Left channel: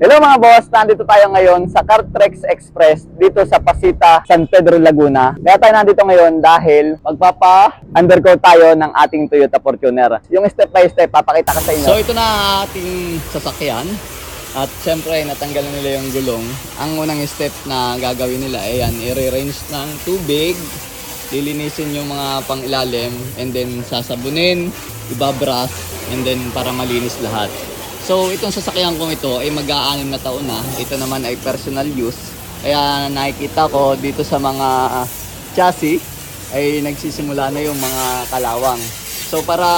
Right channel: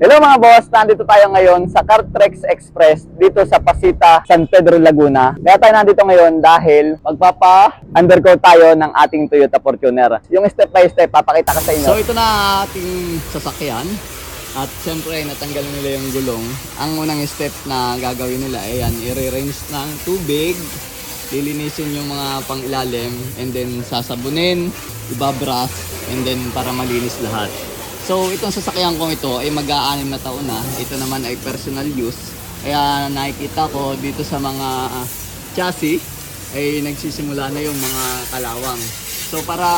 Hello mga boss, nandito tayo ngayon sa Cartrex Express dito sa Pasita, San Pedro, Laguna. Kaya tayo nandito ngayon dahil magpapa-undercoat tayo ng ating Toyota Fortuner. Yung step by step, papakita ko sa inyo. So ito na ating sasakyan. At syempre, natanggal na nila yung gulong. Ang unang step na gagawin nila, ayan, i-range ng tubig, lilinisin yung mga pangilalim, and then sasabunin, ibabras, and then para malinis lahat. So itong sasakyan kong ito ay mag-aanim na taon na. Ito naman ay personal use. Kaya nakikita ko dito sa mga ah, chassis ay nagsisimula na yung mga kalawang. So para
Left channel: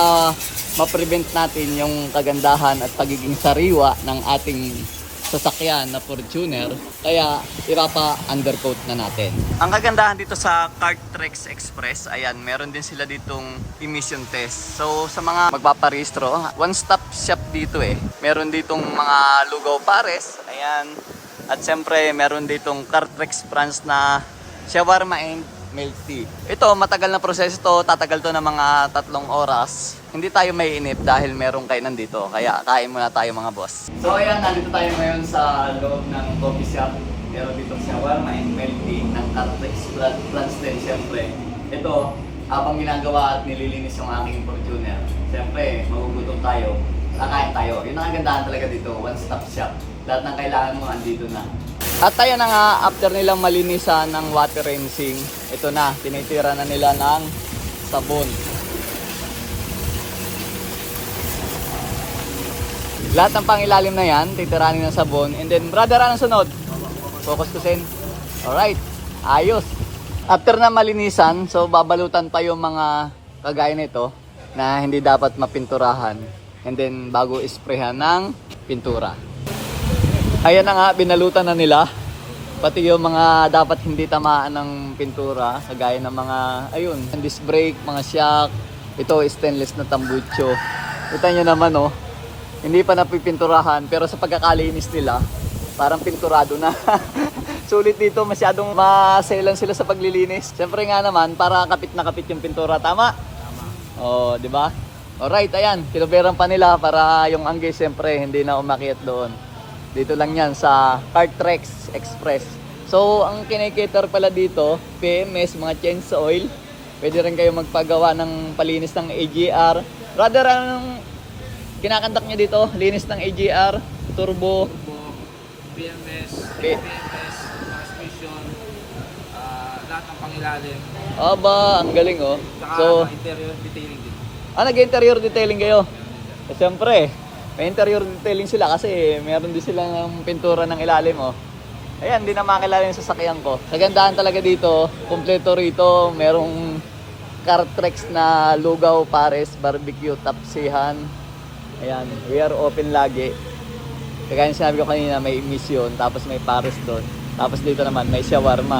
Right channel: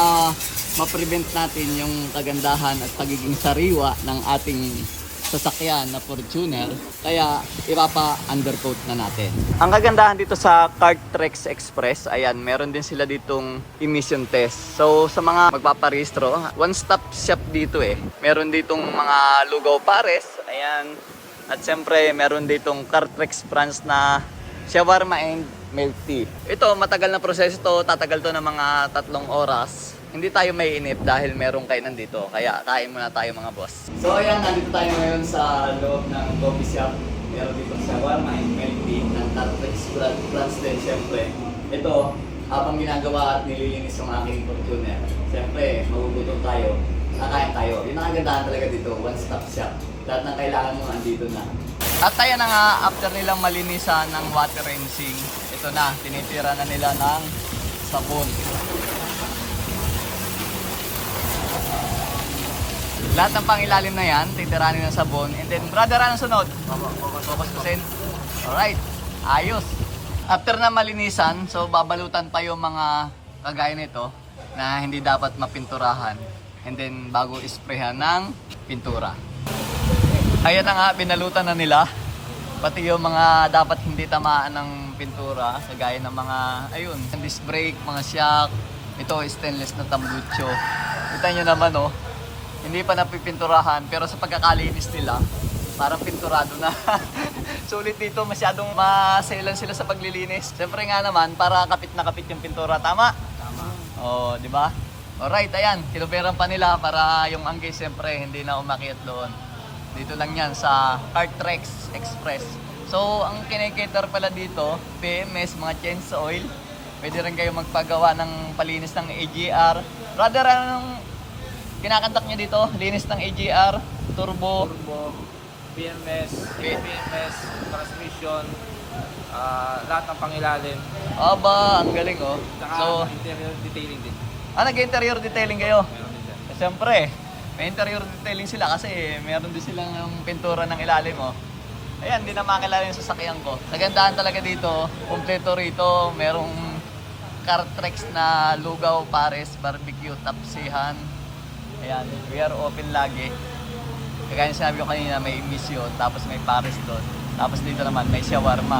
ma-prevent natin yung kagandahan at pagiging sariwa ng ating sasakyan na Fortuner, kaya ipapa-undercoat na natin. Ang kagandahan dito sa Cartrex Express, ayan, meron din sila ditong emission test. So sa mga magpaparehistro, one-stop shop dito eh. Meron ditong mga lugaw pares, ayan. At siyempre, meron ditong Cartrex branch na shawarma and milk tea. Ito, matagal na proseso to. Tatagal to ng mga tatlong oras. Hindi tayo may inip dahil merong kainan dito. Kaya kain muna tayo mga boss. So ayan, nandito tayo ngayon sa loob ng coffee shop. Meron dito shawarma and milk tea Cartrex branch din syempre. Ito, habang ginagawa at nililinis yung aking Fortuner. Siyempre, magugutom tayo. Kakain tayo. Yun ang kagandahan talaga dito. One-stop shop. Lahat ng kailangan mo andito na. At tayo na nga, after nilang malinisan ng water rinsing, ito na, tinitira na nila ng sabon. Lahat ng pangilalim na yan, titiranin ng sabon. And then, brother, anong sunod? Focus ko din. Alright, ayos. After na malinisan, so babalutan pa yung mga kagaya nito na hindi dapat mapinturahan. And then, bago isprehan ng pintura. Ayan na nga, binalutan na nila. Pati yung mga dapat hindi tamaan ng pintura, kagaya ng mga, ayun, disc brake, mga shock. Ito, stainless na tambucho. Kita nyo naman, oh. Hindi pa napipinturahan, pero sa pagkakalinis nila, parang pinturado na. Sulit dito, masyadong maselan sila sa paglilinis. Siyempre nga naman, para kapit na kapit yung pintura. Tama? Tama. Oh, di ba? Alright, ayan. Kiloberan pa nila para yung angge siyempre hindi na umakyat doon. Dito lang yan sa Cartrex Express. So, ang kinikater pala dito, PMS, mga change sa oil. Pwede rin kayo magpagawa ng palinis ng AGR. Rather, ang kinakandak nyo dito, linis ng AGR, turbo, turbo, BMS, BMS, transmission, ah, lahat ng pangilalim, aba, ang galing oh. saka So, ng interior detailing din. ah, nag-interior detailing kayo? Siyempre, may interior detailing sila kasi meron din sila ng pintura ng ilalim oh. Ayan, hindi na makilala yung sasakyan ko. Kagandahan talaga dito, kompleto rito, merong Cartrex na lugaw, pares, barbecue, tapsihan. Ayan, we are open lagi. Kagaya sinabi ko kanina, may emission, tapos may pares to. Tapos dito naman, may shawarma.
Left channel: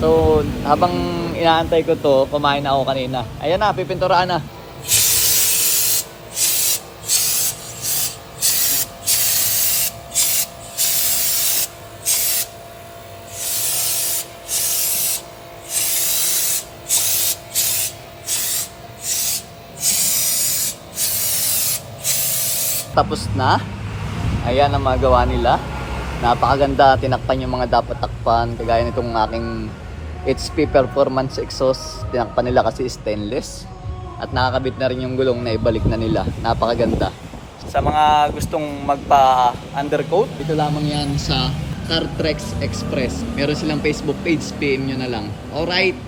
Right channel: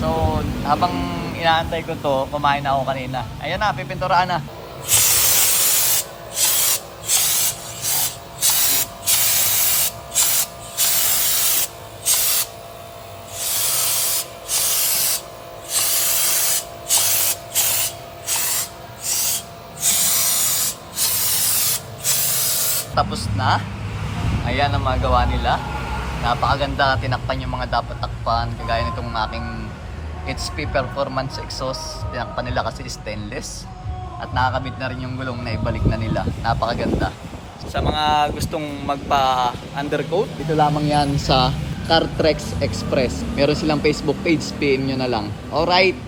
So, habang inaantay ko to, kumain na ako kanina. Ayan na, pipinturaan na. Tapos na. Ayan ang magawa nila. Napakaganda. Tinakpan yung mga dapat takpan. Kagaya nitong aking HP Performance Exhaust. Tinakpan nila kasi stainless. At nakakabit na rin yung gulong na ibalik na nila. Napakaganda. Sa mga gustong magpa-undercoat, dito lamang yan sa Cartrex Express. Meron silang Facebook page, PM nyo na lang. Alright!